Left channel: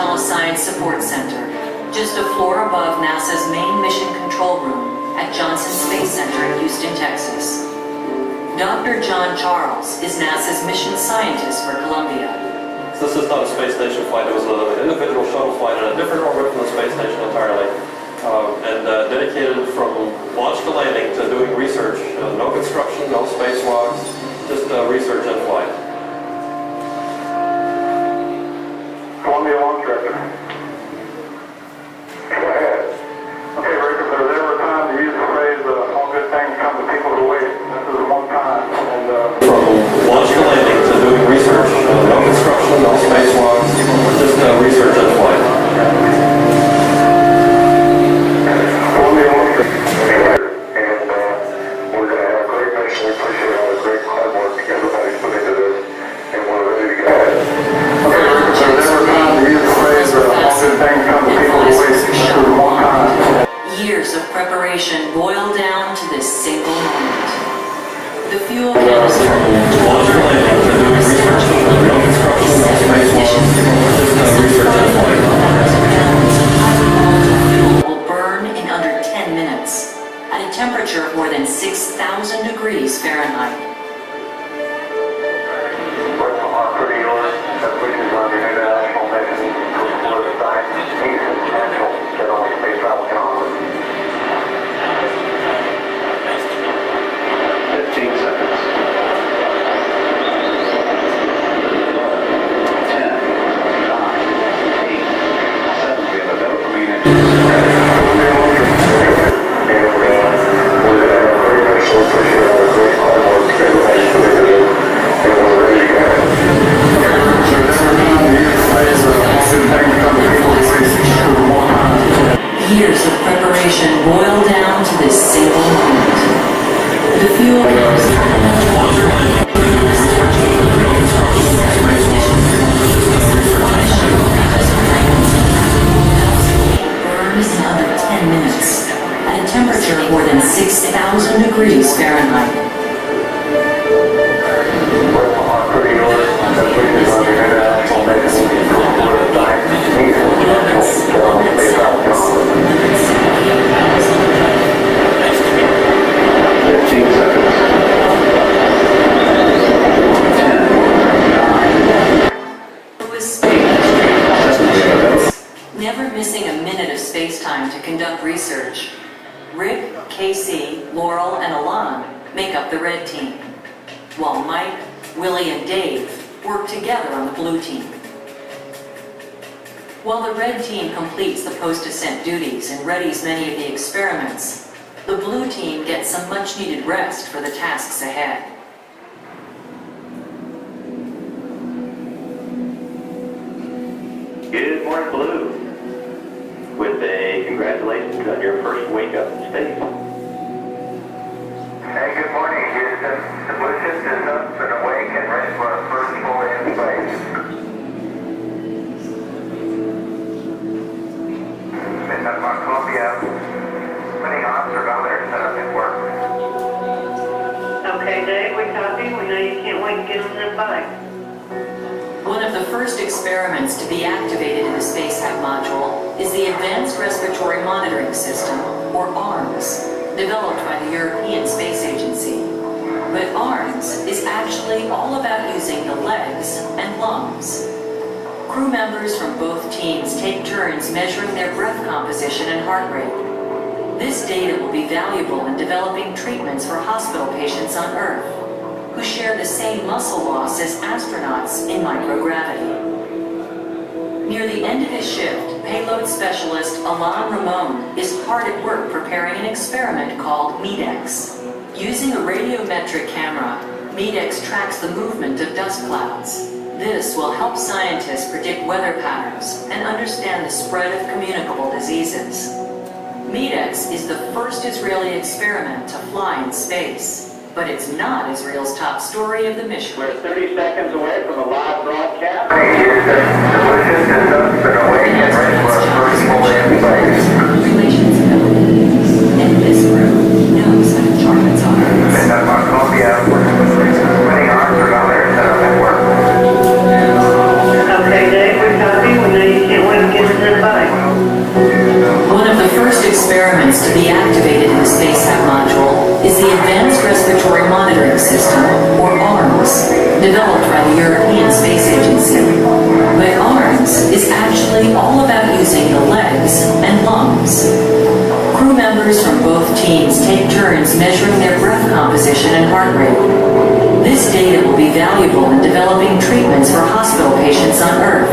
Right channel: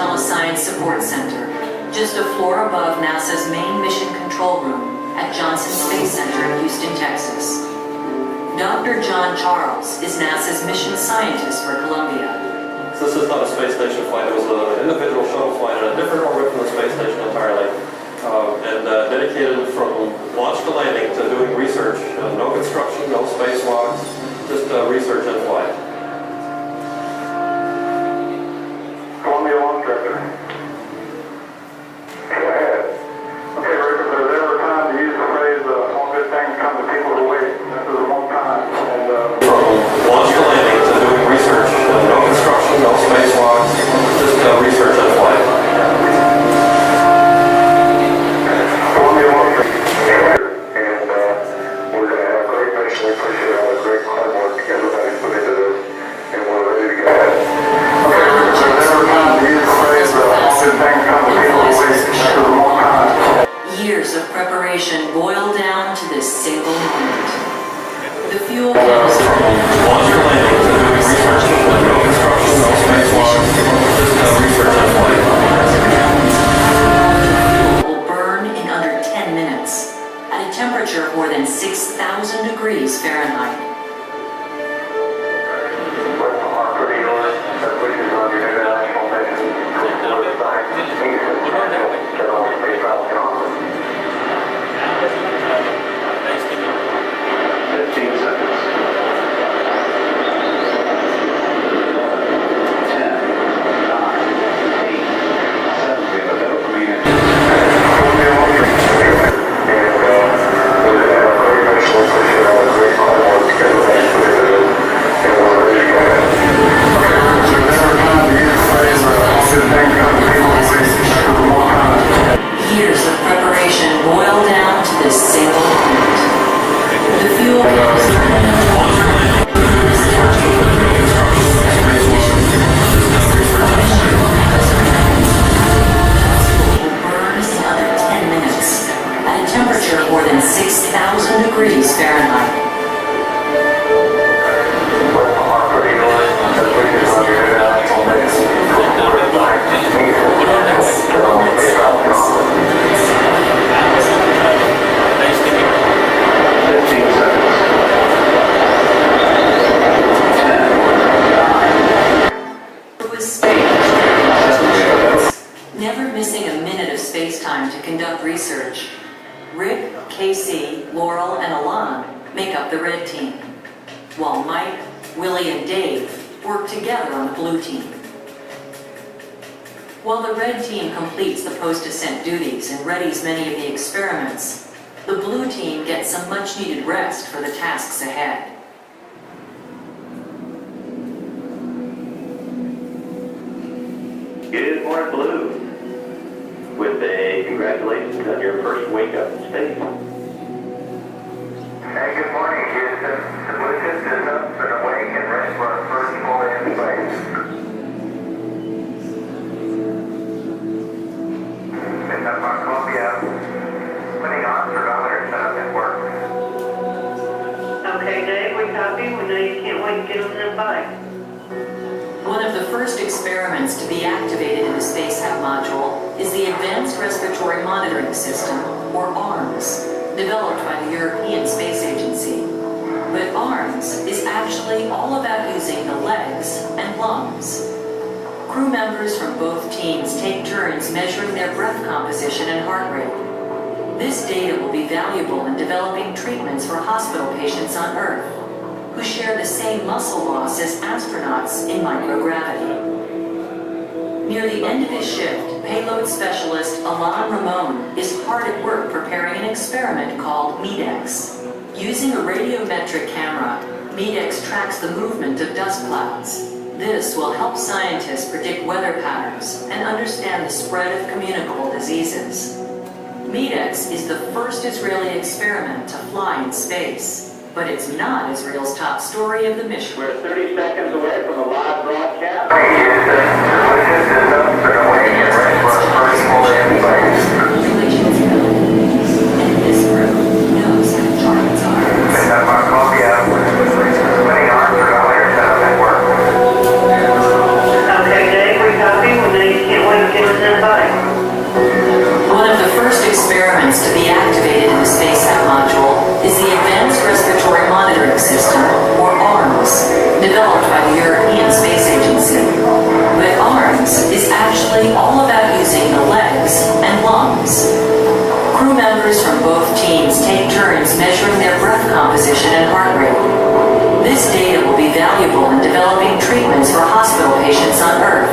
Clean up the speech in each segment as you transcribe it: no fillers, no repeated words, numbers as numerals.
Telescience Support Center, just a floor above NASA's main mission control room at Johnson Space Center in Houston, Texas. Dr. John Charles is NASA's mission scientist for Columbia. This is not a space station flight. It was an individual shuttle flight in a different orbit from the space station entirely. Dedicated from launch to landing to doing research. No construction, no spacewalks, just research and flight. Columbia launch director. Go ahead. Okay, Rick, if there's ever a time to use the phrase, all good things come to people who wait, this is one time. And, from launch to landing to doing research. No construction, no spacewalks, just research and flight. We appreciate all the great hard work everybody's put into this, and we're ready to go. Final checks were made, portals were fastened, and visors were shut on. Years of preparation boil down to this single moment. The fuel canister, taller and heavier than the Statue of Liberty, is set for ignition. Some 500,000 gallons of highly volatile fuel will burn in under 10 minutes. At a temperature of more than 6,000 degrees Fahrenheit. Years of preparation boil down to this single moment. The fuel canister, the Statue of Liberty, is set for ignition. The shuttle ranges on items of 30,000 feet burns under 10 minutes at a temperature of more than 6,000 degrees Fahrenheit. The Columbia is now empty with the core of the Earth, floating in splendid silence. 178,000. 15 seconds. 10. It was space, never missing a minute of space-time to conduct research. Rick, Casey, Laurel, and Alon make up the red team, while Mike, Willie, and Dave work together on the blue team. While the red team completes the post-ascent duties and readies many of the experiments, the blue team gets some much-needed rest for the tasks ahead. Good morning, Blue. With a congratulations on your first wake up in space. Hey, good morning, Houston. The blue ship is up and awake and ready for our first full day in space. Sitting up on Columbia, putting arms ergometer set up at work. Okay, Dave, we copy. We know you can't wait to get on that bike. One of the first experiments to be activated in the Spacehab module is the Advanced Respiratory Monitoring System, or ARMS, developed by the European Space Agency. But ARMS is actually all about using the legs and lungs. Crew members from both teams take turns measuring their breath composition and heart rate. This data will be valuable in developing treatments for hospital patients on Earth, who share the same muscle loss as astronauts in microgravity. Near the end of his shift, payload specialist Alain Ramon is hard at work preparing an experiment called MEDEX. Using a radiometric camera, MEDEX tracks the movement of dust clouds. This will help scientists predict weather patterns and understand the spread of communicable diseases. MEDEX is the first Israeli experiment to fly in space. But it's not Israel's top story of the mission. We're 30 seconds away from a live broadcast. The astronaut's job is to relations ability. And this crew knows how to charm its audience. Sitting up on Columbia, we're having putting arms ergometer set up at work. Okay, Dave, we copy. We know you can't wait all about using the legs and lungs. Crew members from both teams take turns measuring their breath composition and heart rate. This data will be valuable in developing treatments for hospital patients on Earth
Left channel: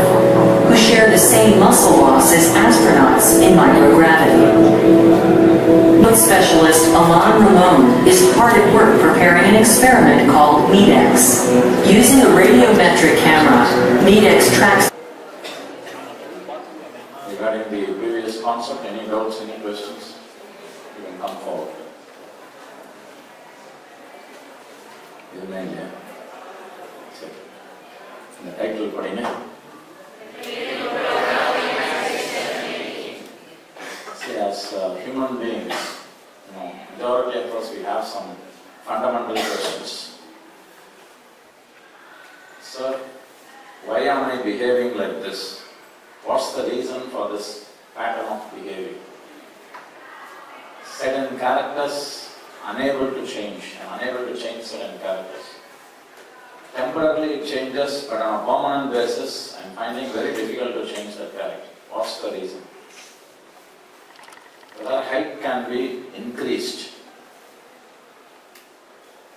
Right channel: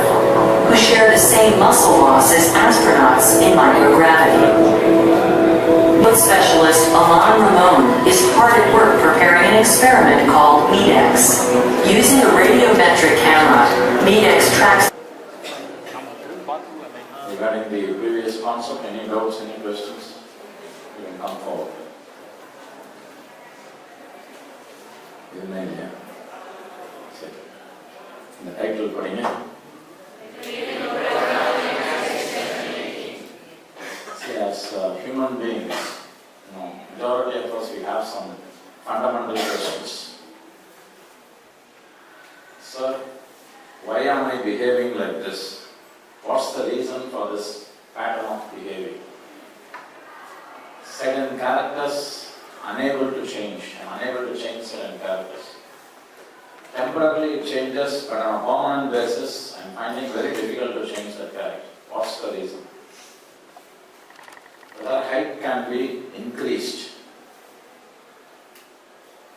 who share the same muscle loss as astronauts in microgravity. Foot specialist Alain Ramon is hard at work preparing an experiment called MEDEX. Using a radiometric camera, MEDEX tracks. Regarding the previous concept, any doubts, any questions, you can come forward. This is main, yeah? The title padinga. See, as human beings, majority of us, we have some fundamental questions. Sir, why am I behaving like this? What's the reason for this pattern of behavior? Certain characters unable to change. I'm unable to change certain characters. Temporarily it changes, but on a permanent basis, I'm finding very difficult to change that character. What's the reason? Whether height can be increased.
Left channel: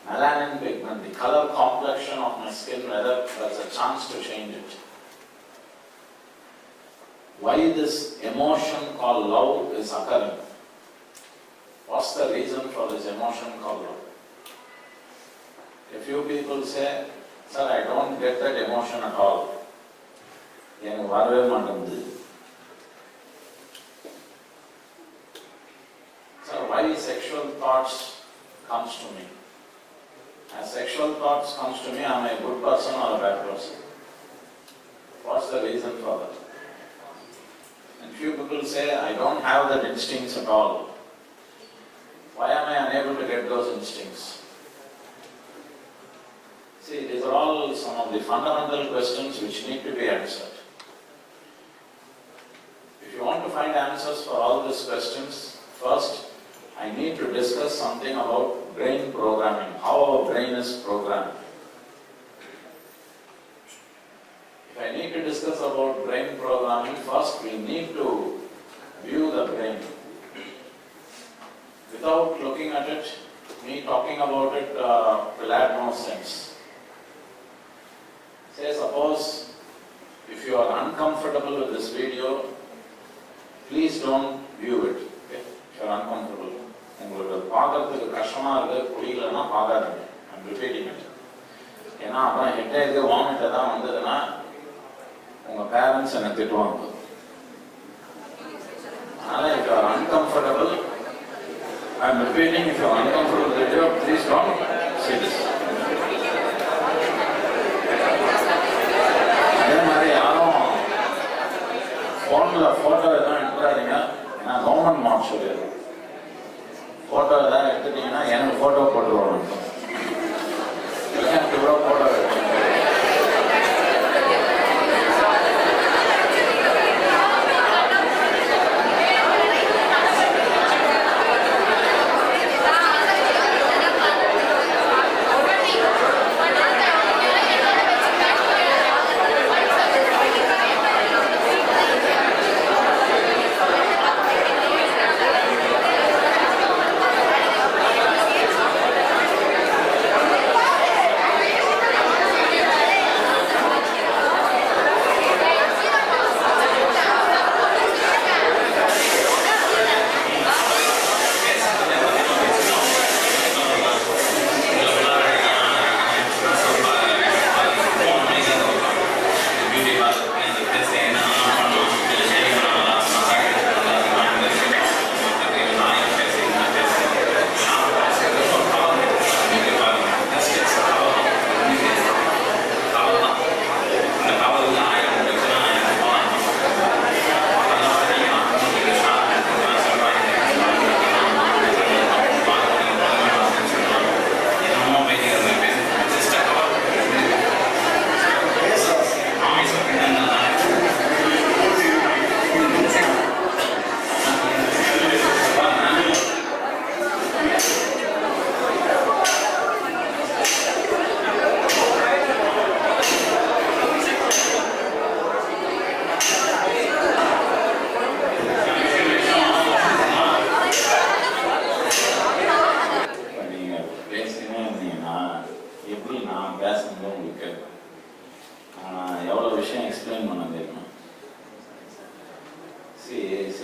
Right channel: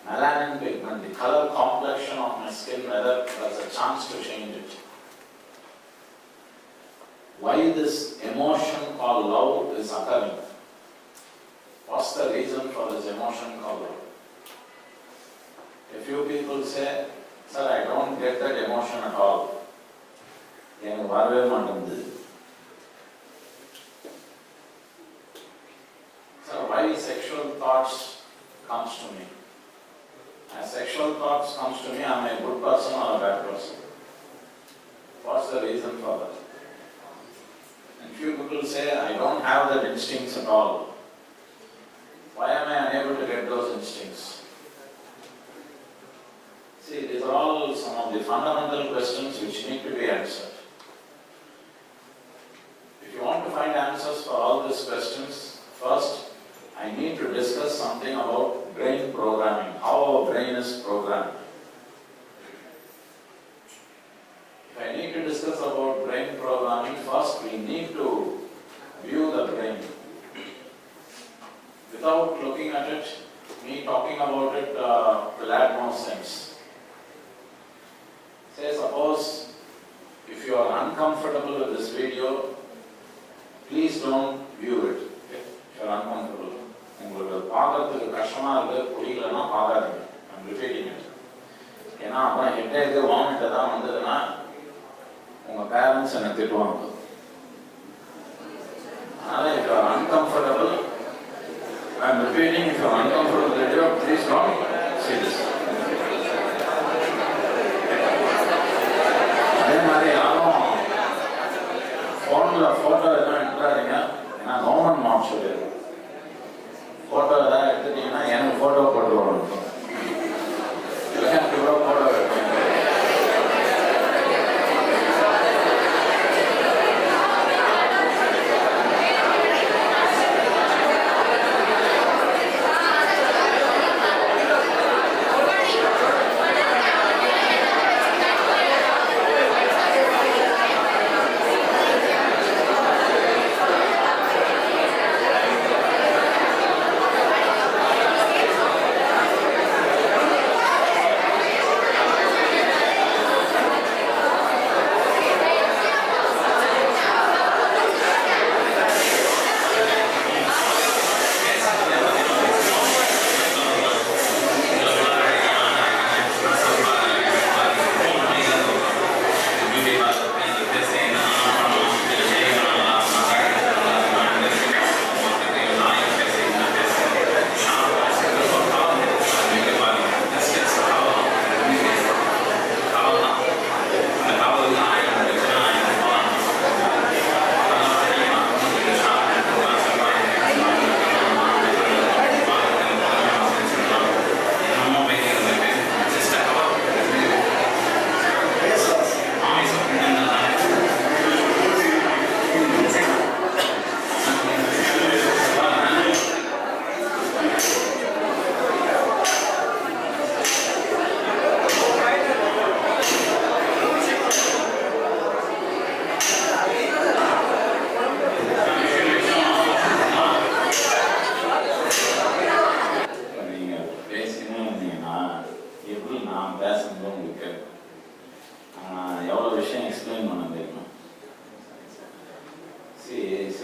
Melanin pigment, the color complexion of my skin, whether there's a chance to change it. Why this emotion called love is occurring? What's the reason for this emotion called love? A few people say, sir, I don't get that emotion at all. எனக்கு வரவே மாட்டேங்குது. Sir, why sexual thoughts comes to me? As sexual thoughts comes to me, am I a good person or a bad person? What's the reason for that? And few people say, I don't have that instincts at all. Why am I unable to get those instincts? See, these are all some of the fundamental questions which need to be answered. If you want to find answers for all these questions, first, I need to discuss something about brain programming, how our brain is programmed. If I need to discuss about brain programming, first we need to view the brain. Without looking at it, me talking about it will add no sense. Say suppose, if you are uncomfortable with this video, please don't view it. Okay? If you are uncomfortable. உங்களுக்கு பார்க்கறதுக்கு கஷ்டமா இருக்கு, புரியலன்னா பார்க்காதீங்க. I'm repeating it. ஏன்னா அப்புறம் ஹெட்டேக்கு vomit தான் வந்ததுன்னா உங்க பேரண்ட்ஸ் என்ன திட்டுவாங்க. அதனால if you are uncomfortable, I'm repeating, if you are uncomfortable with the video, please don't see this. அதே மாதிரி யாரும் ஃபோனில் ஃபோட்டோ எதுவும் எடுத்துடாதீங்க. ஏன்னா கவர்மெண்ட் மார்க் சொல்லிடுறோம். ஃபோட்டோ எதாவது எடுத்துட்டீங்கன்னா எனக்கு ஃபோட்டோ போட்டுருவாங்க. எனக்கு இவ்வளோ ஃபோட்டோ எடுத்து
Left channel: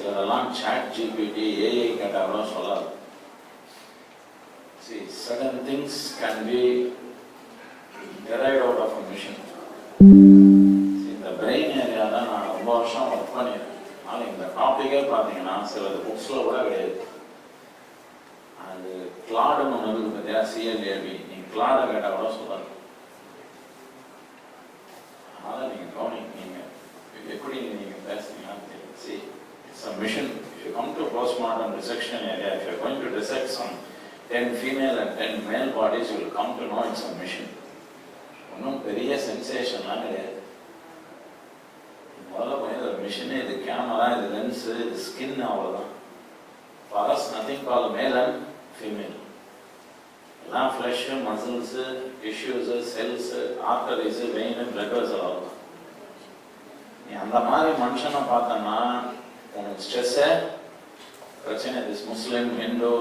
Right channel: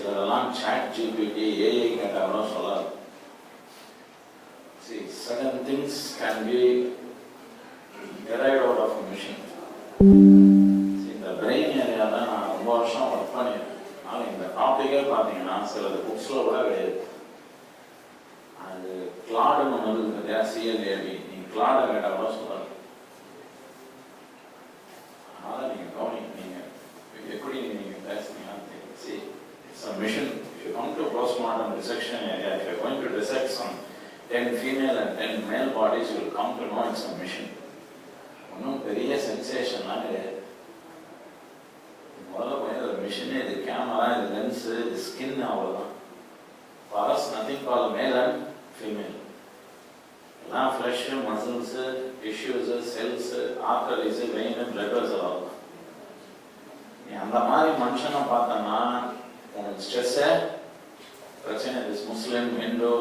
சிலரெல்லாம் chat GPT, AI கேட்டாலும் சொல்லாது. See, certain things can be derived out of a machine. See, இந்த brain area தான் நான் ரொம்ப வருஷம் ஒர்க் பண்ணியிருக்கேன். ஆனால் இந்த டாப்பிக்கே பார்த்தீங்கன்னா சிலது புக்ஸில் கூட கிடையாது. அது கிளாடுன்னு ஒன்று இருக்குது பார்த்தியா, CLAD, நீங்கள் கிளாடை கேட்டால் கூட சொல்லாது. அதனால் நீங்கள் கவனிங்க, நீங்கள் எப்படி நீங்கள் பேசுனீங்கன்னு தெரியும். See, it's a mission. If you come to postmortem dissection area, if you're going to dissect some 10 female and 10 male bodies, you will come to know it's a mission. ஒன்றும் பெரிய சென்சேஷன்லாம் கிடையாது. முதல்ல போய் ஒரு மிஷினு, இது கேமரா, இது lens, இது skin, அவ்வளோதான். For us, nothing called male and female. எல்லாம் flesh, muscles, tissues, cells, arteries, vein, blood vessel, அவ்வளோதான். நீ அந்த மாதிரி மனுஷனை பார்த்தோன்னா உனக்கு ஸ்ட்ரெஸ்ஸே பிரச்சனை. This Muslim, Hindu,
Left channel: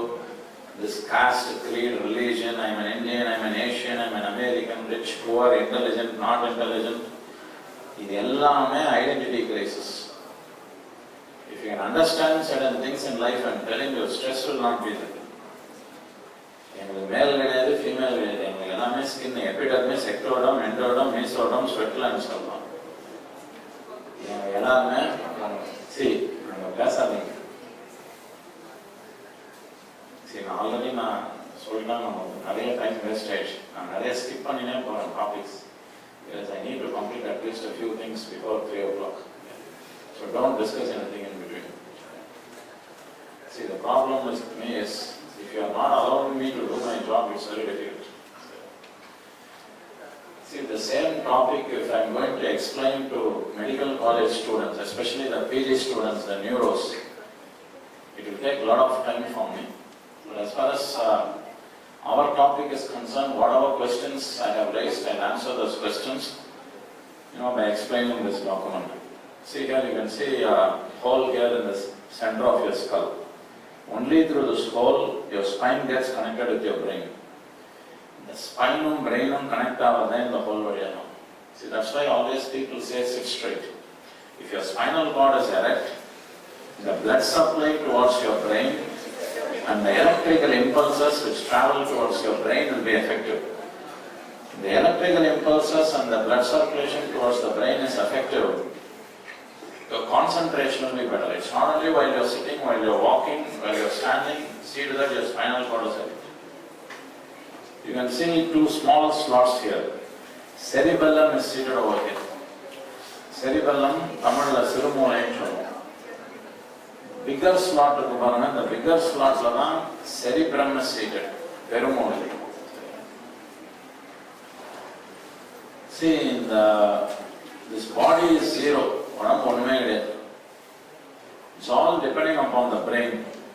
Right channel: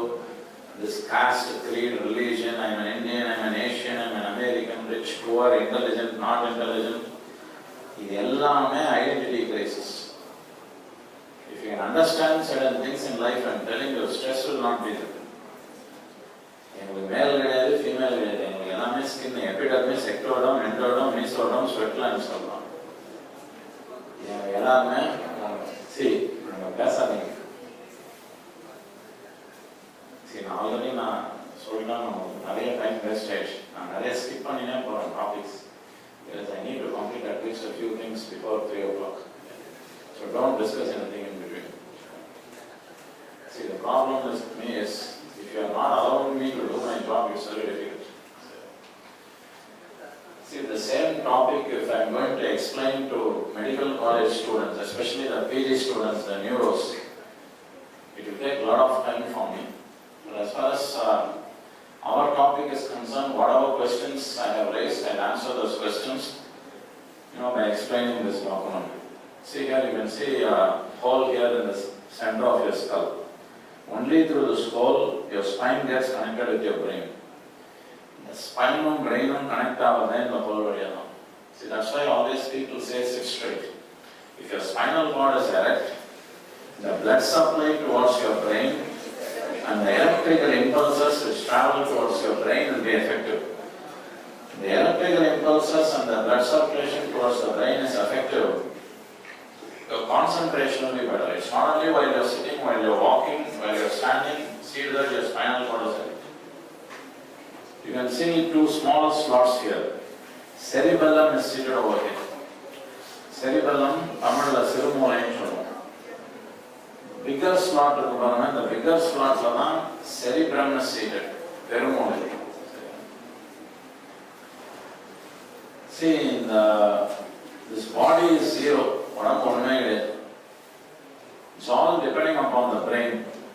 this caste, creed, religion, I'm an Indian, I'm an Asian, I'm an American, rich, poor, intelligent, not intelligent. இது எல்லாமே identity crisis. If you can understand certain things in life, I'm telling you, stress will not be there. எங்களுக்கு மேல் கிடையாது, female கிடையாது. எங்களுக்கு எல்லாமே skin, epidermis, ectoderm, endoderm, mesoderm, ஸ்வெட்லான்னு சொல்லலாம். எல்லாருமே நாங்கள் பேசாதீங்க. சரி, நான் ஆல்ரெடி சொல்லிட்டேன், நமக்கு நிறைய டைம் வேஸ்ட் ஆயிடுச்சு. நான் நிறைய ஸ்கிப் பண்ணினே போகிறேன் topics. Because I need to complete at least a few things before 3 o'clock. So don't discuss anything in between. See, the problem with me is, if you are not allowing me to do my job, it's very difficult. See, the same topic, if I am going to explain to medical college students, especially the PG students, the neuros, it will take a lot of time for me. But as far as our topic is concerned, whatever questions I have raised, I'll answer those questions, by explaining this document. See here, you can see a hole here in the center of your skull. Only through this hole, your spine gets connected with your brain. The spine and brain connect in the whole area now. See, that's why always people say sit straight. If your spinal cord is erect, the blood supply towards your brain and the electrical impulses which travel towards your brain will be effective. The electrical impulses and the blood circulation towards the brain is effective. Your concentration will be better. It's not only while you're sitting, while you're walking, while you're standing, see to that your spinal cord is erect. You can see 2 small slots here. Cerebellum is seated over here. Cerebellum, Tamil Sirumulainu சொல்லுவோம். Bigger slot இருக்கு பாருங்க, the bigger slotல தான் cerebrum is seated, பெருமூளை. See, this body is zero, உடம்பு ஒண்ணுமே கிடையாது. It's all depending upon the brain.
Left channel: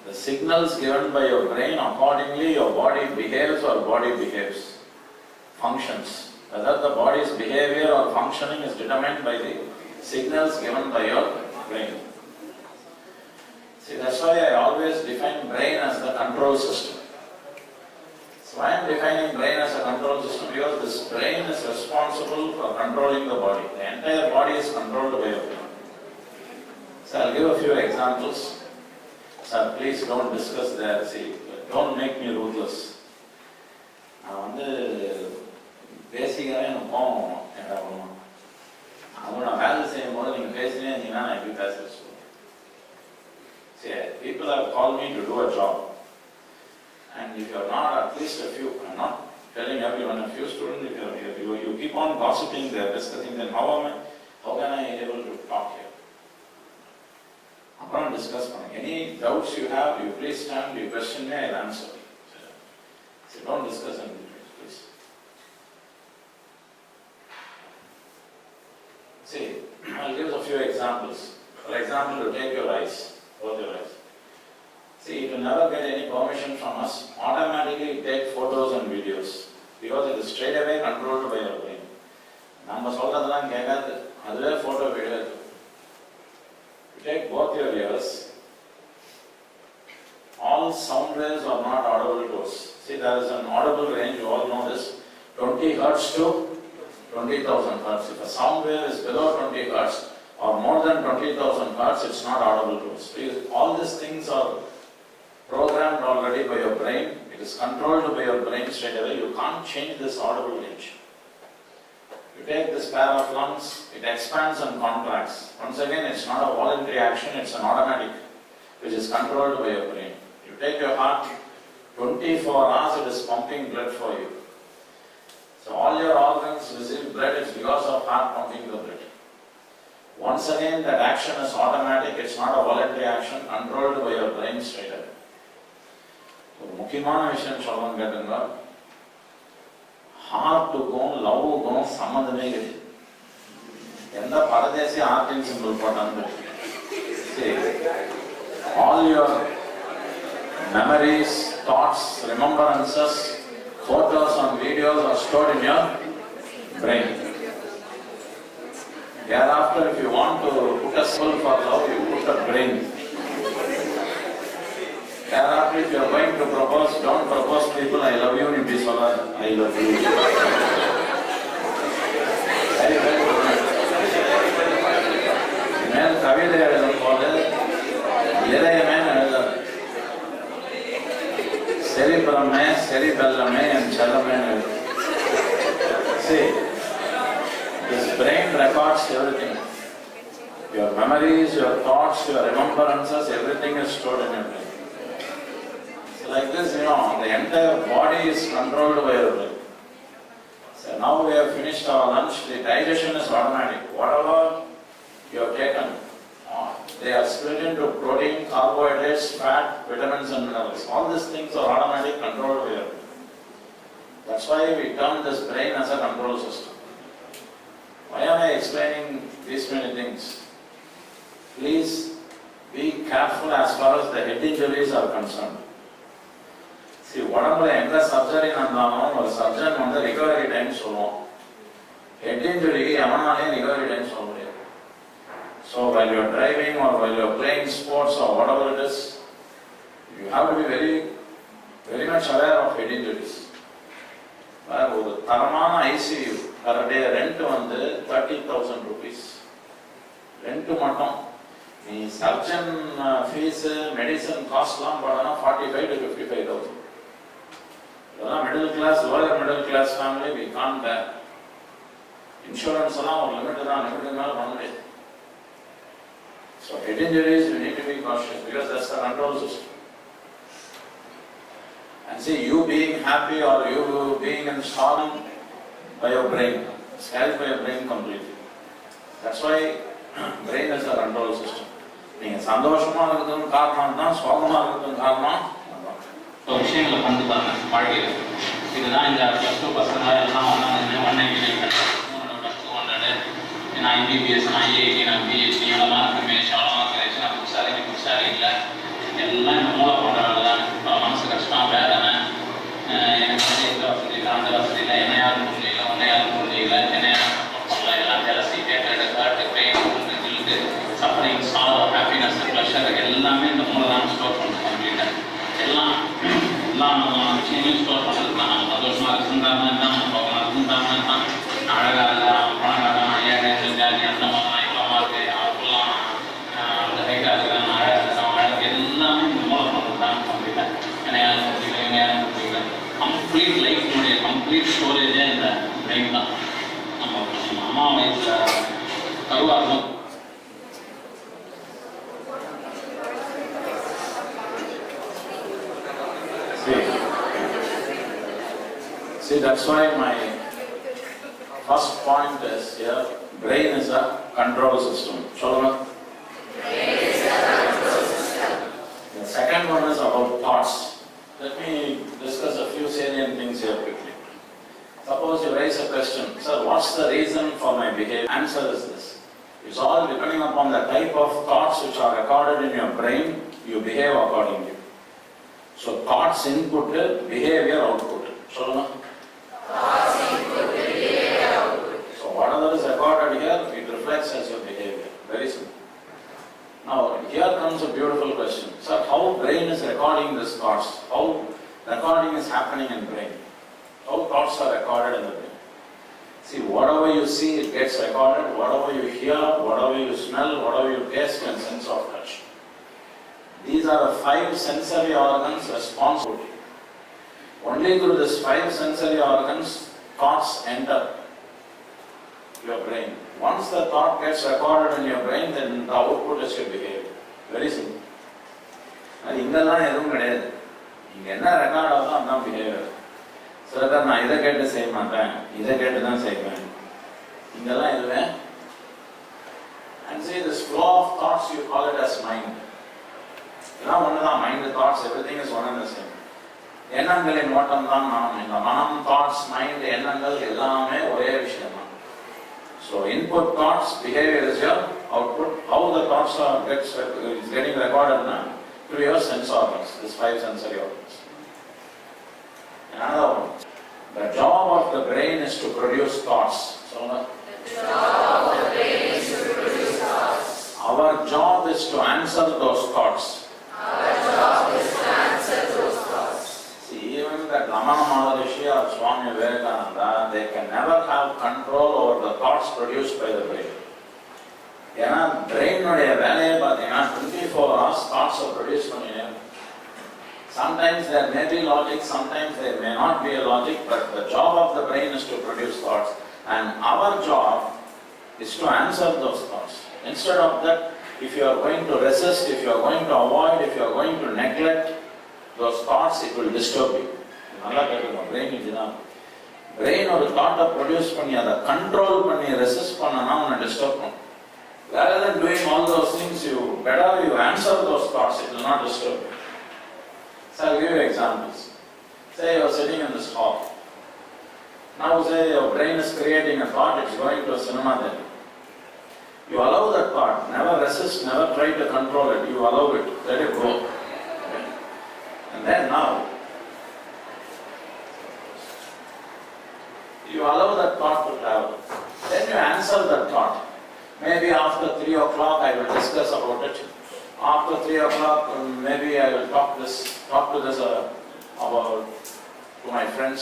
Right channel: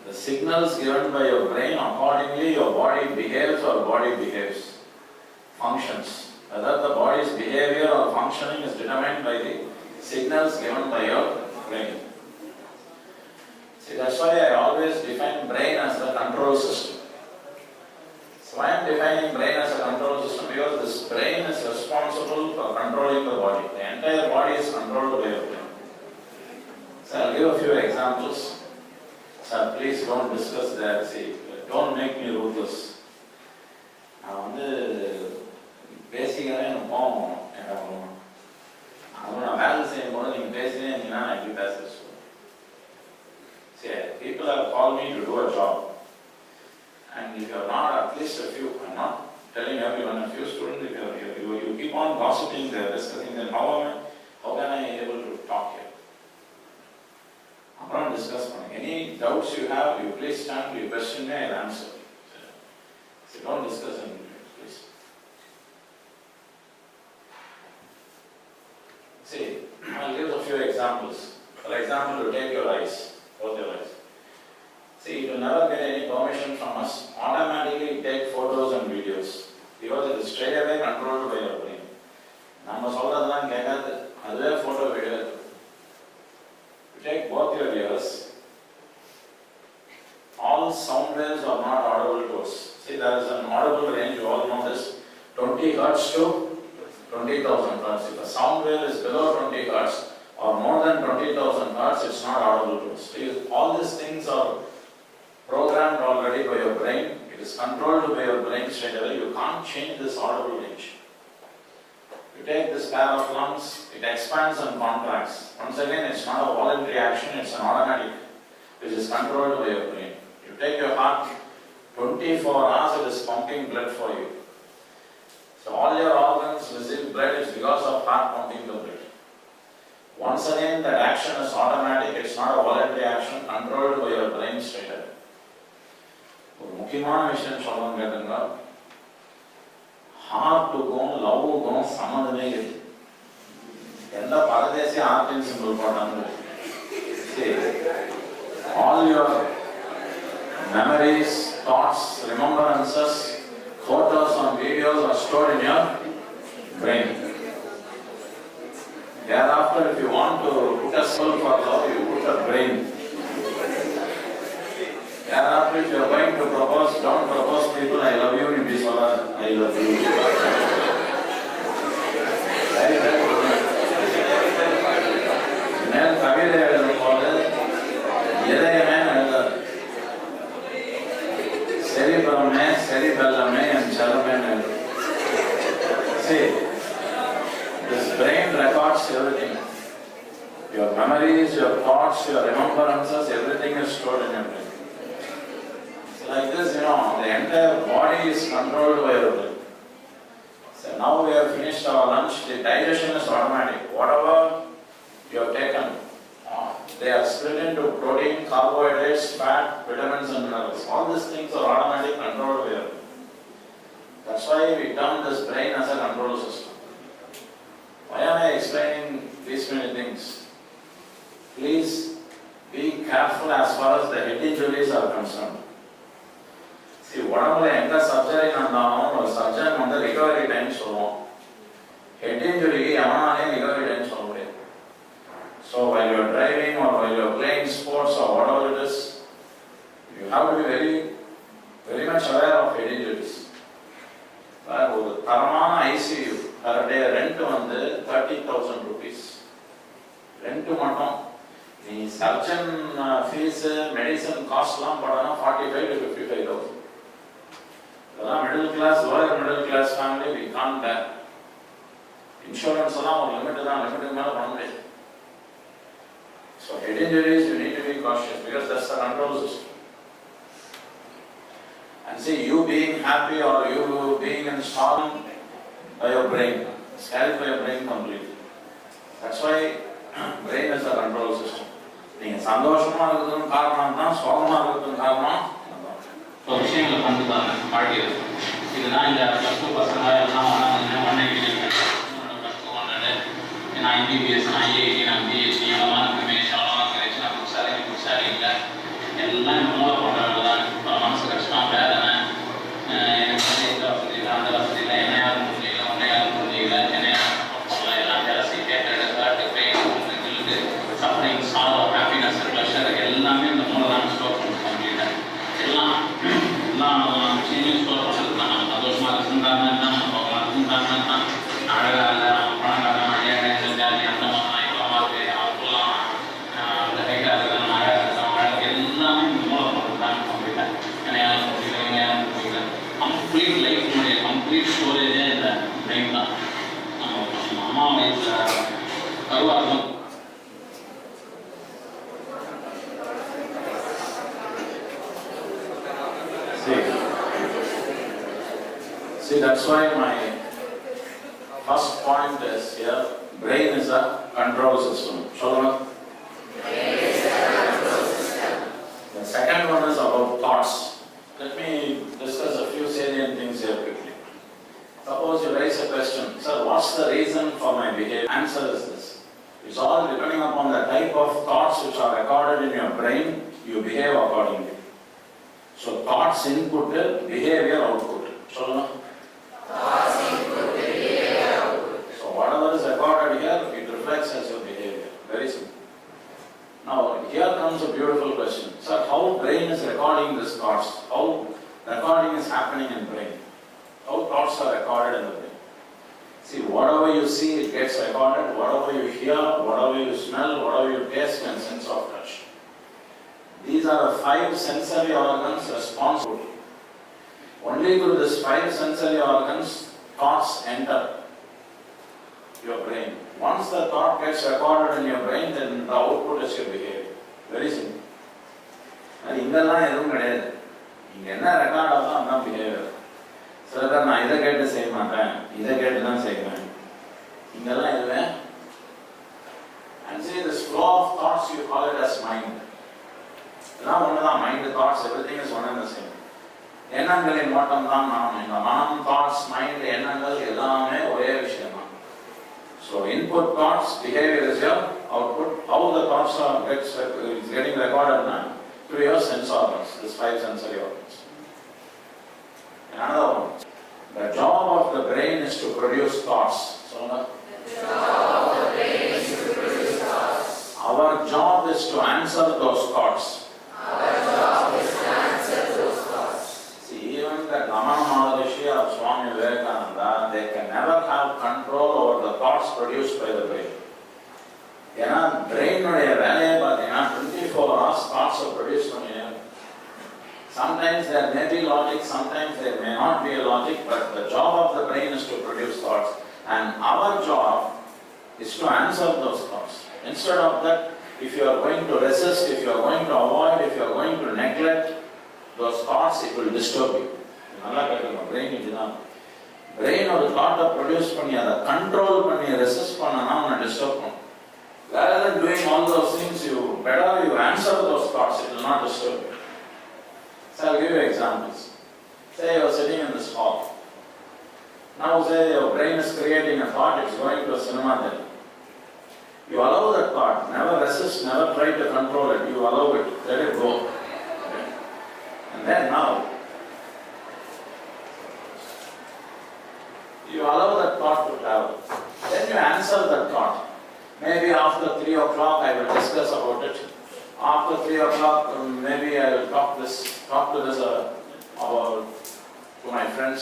The signals given by your brain, accordingly your body behaves or body behaves, functions. Whether the body's behavior or functioning is determined by the signals given by your brain. See, that's why I always define brain as the control system. So I am defining brain as a control system because this brain is responsible for controlling the body. The entire body is controlled by your brain. So I'll give a few examples. Sir, please don't discuss that. See, don't make me ruthless. நான் பேசிக்கவே எனக்கு போவோம். நான் வேலை செய்யும் போது நீங்கள் பேசினே இருந்தீங்கன்னா நான் எப்படி பேசுறது சொல்லுவேன். See, people have called me to do a job. And if you are not, at least a few, I'm not telling everyone, a few students, if you keep on gossiping there, discussing, then how can I be able to talk here? I'm going to discuss something. Any doubts you have, you please stand, you question me, I'll answer. So don't discuss anything, please. See, I'll give a few examples. For example, to take your eyes, both your eyes. See, it will never get any permission from us. Automatically take photos and videos because it is straight away controlled by your brain. நம்ம சொல்றதெல்லாம் கேட்காது, அதுவே photo video. You take both your ears. All sound waves are not audible to us. See, there is an audible range, you all know this, 20 Hertz to 20,000 Hertz. If a sound wave is below 20 Hertz, or more than 20,000 hertz, it's not audible to us. Because all these things are programmed already by your brain. It is controlled by your brain straight away. You can't change this audible range. You take this pair of lungs, it expands and contracts. Once again, it's not a voluntary action, it's an automatic, which is controlled by your brain. You take your heart, 24 hours it is pumping blood for you. So all your organs receive blood, it's because of heart pumping the blood. Once again, that action is automatic, it's not a voluntary action, controlled by your brain straight away. ஒரு முக்கியமான விஷயம் சொல்லணும்னு கேட்டுங்க, ஹார்ட்டுக்கும் லவ்வுக்கும் சம்மந்தமே கிடையாது. எந்த பரதேசி ஹார்ட்டின் simple போட்டான்னு all your memories, thoughts, remembrances, photos and videos are stored in your brain. Thereafter, if you want to put a symbol for love, you put a brain. Thereafter, if you are going to propose, don't propose people, I love you, in this one, I love you. Very, very good. மேல் கவிதை எழுதும் போது இதயமே எழுதாது. செரிபிரமே, செரிபெல்லமே, என் செல்லமே எழுது. See, this brain records everything. Your memories, your thoughts, your remembrances, everything is stored in your brain. Like this, the entire body is controlled by your brain. So now we have finished our lunch, the digestion is automatic. Whatever you have taken, they are split into protein, carbohydrates, fat, vitamins and minerals. All these things are automatic, controlled by your brain. That's why we term this brain as a control system. Why am I explaining these many things? Please be careful as far as the head injuries are concerned. See, உடம்புல எந்த surgery நடந்தாலும் ஒரு surgeon வந்து recovery time சொல்லுவோம். Head இன்ஜுரிக்கு எவனாலையும் recovery time சொல்ல முடியாது. So while you are driving or while you are playing sports or whatever it is, you have to be very, very much aware of head injuries. ஒரு தரமான ICU per day rent வந்து 30,000 rupees. Rent மட்டும். நீ surgeon fees, medicine காஸ்ட்லாம் போடனா 45 to 55,000. இதெல்லாம் middle class, lower middle class family we can't bear. Insurance எல்லாம் ஒரு லிமிட் தான், லிமிட்டுக்கு மேலே பண்ண முடியாது. So head injuries, you need to be cautious because that's the control system. And see, you being happy or you being installed by your brain, it's held by your brain completely. That's why brain is a control system. நீங்க சந்தோஷமா இருக்கிறதுக்கு காரணம் தான், சோகமா இருக்கிறதுக்கு காரணம் ஒரு விஷயங்களை கொண்டு பாருங்க வாழ்க்கையில். இதுதான் இந்த +2 பசங்க எல்லாம் வந்தாங்க. 100 நான் MBBS, நான் IIT, நான் PhD, எவ்வளோ ரமேஷ், அவ்வளோ கிடைச்சு, நான் புதுசாரி இல்லை, எல்லாம் இந்த மூளை போன்ற வேலை தான். மனசு கஷ்டம், வேதனை, எனக்கு வந்து இந்த வசதி இல்லை, அந்த வசதி இல்லை, என்ன யாரும் புரிஞ்சிக்கல, ஒன்றை யாரும் புரிஞ்சிக்கல, என்ன யாரும் சப்போர்ட் பண்ணல, எல்லாம் jealousy, hatred, hurt, pain, guilt, suffering, sorrow, happiness, pleasure எல்லாமே இந்த மூளை தான் ஸ்டோர் பண்ணுறது கம்ப்ளீட்டாக. எல்லா விஷயங்களையும் ஸ்டோர் பண்ணுறது தான். நம்ம சந்தோஷமாக இருந்தாங்க தான், நம்ம சோகமாக இருந்தாங்க தான், அழகாக இல்லை, அவன் பணக்காரன், ஏழை, ஜாதி, அந்த மாதிரி இவ்வளோ இருக்கு, அவங்களாம் அந்த ஹைட்டாக இருக்காங்க, அழகாக இருக்காங்க, அழகு எல்லாமே இந்த மூளை பண்ணுறது தான் கம்ப்ளீட்டாக. ஏன்னா யாரும் புரியல, இவங்க யாரும் புரியல. கம்ப்ளீட் லைஃப்னுடைய கம்ப்ளீட் ஸ்டோரேஜே இந்த பிரெயின் தான். நம்ம அம்மா வயசில் கருவாக இருக்கும். See, that's why my first point is here, brain is a control system. Sholama? The second one is about thoughts. Let me discuss a few salient things here quickly. Suppose you raise a question, sir, what's the reason for my behavior? Answer is this. It's all depending upon the type of thoughts which are recorded in your brain, you behave accordingly. So thoughts input, behavior output. Sholama? Thoughts input, behavior output. So whatever is recorded here, it reflects as your behavior. Very simple. Now here comes a beautiful question. Sir, how brain is recording these thoughts? How recording is happening in brain? How thoughts are recorded in the brain? See, whatever you see, it gets recorded, whatever you hear, whatever you smell, whatever you taste and sense of touch. These are the 5 sensory organs responsible. Only through these 5 sensory organs, thoughts enter your brain. Once the thought gets recorded in your brain, then the output is your behavior. Very simple. அது இங்கெல்லாம் எதுவும் கிடையாது. இங்க என்ன record ஆகுதோ அதுதான் behaviour. சில பேர் நான் இதை கேட்டு செய்ய மாட்டேன், இதை கேட்டு தான் செய்வேன். இங்கெல்லாம் எதுவே. And see, this flow of thoughts, you call it as mind. இதெல்லாம் ஒண்ணுதான், mind, thoughts, everything is one and the same. எண்ணங்களின் ஓட்டம் தான் மனம். இந்த மனம், தாட்ஸ், மைண்ட், எண்ணங்கள் எல்லாமே ஒரே விஷயம் தான். So input thoughts, behavior is your output. How the thoughts are getting recorded now? Through your sense organs, these 5 sensory organs. Another one. The job of the brain is to produce thoughts. So the job of the brain is to produce thoughts. Our job is to answer those thoughts. Our job is to answer those thoughts. See, even that Ramana Maharishi or Swami Vivekananda, they can never have control over the thoughts produced by the brain. ஏன்னா பிரெயினுடைய வேலையை பார்த்தீங்கன்னா 24 hours thoughts are produced பண்ணினே. Sometimes there may be logic, sometimes there may not be a logic, but the job of the brain is to produce thoughts, and our job is to answer those thoughts. Instead of that, if you are going to resist, if you are going to avoid, if you are going to neglect those thoughts, it will disturb you. நல்லா கேட்கணும், brain இதுதான். Brain ஒரு தாட்டை produce பண்ணி அதை control பண்ணி resist பண்ணனா உன்னை டிஸ்டர்ப் பண்ணும். Rather than doing all those things, you answer those thoughts, it will not disturb you. So I'll give you examples. Say you are sitting in this hall. Now say your brain is creating a thought, it's going to a cinema then. You allow that thought, never resist, never try to control it, you allow it, let it go. And then now, you allow that thought to travel. Then you answer that thought. Maybe after 3 o'clock I will discuss about it. After 3 o'clock maybe I will talk to this about to my friends.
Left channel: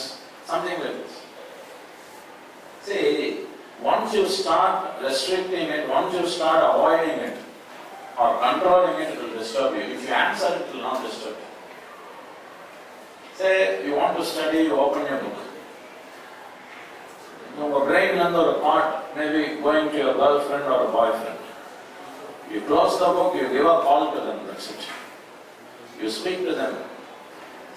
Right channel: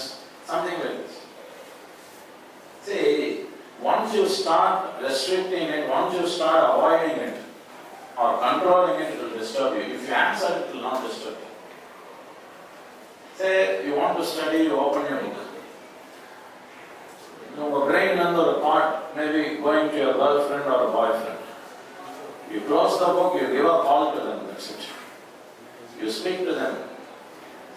Something like this. See, once you start restricting it, once you start avoiding it or controlling it, it will disturb you. If you answer it, it will not disturb you. Say you want to study, you open your book. Your brain under a thought, maybe going to your girlfriend or a boyfriend. You close the book, you give a call to them, that's it. You speak to them.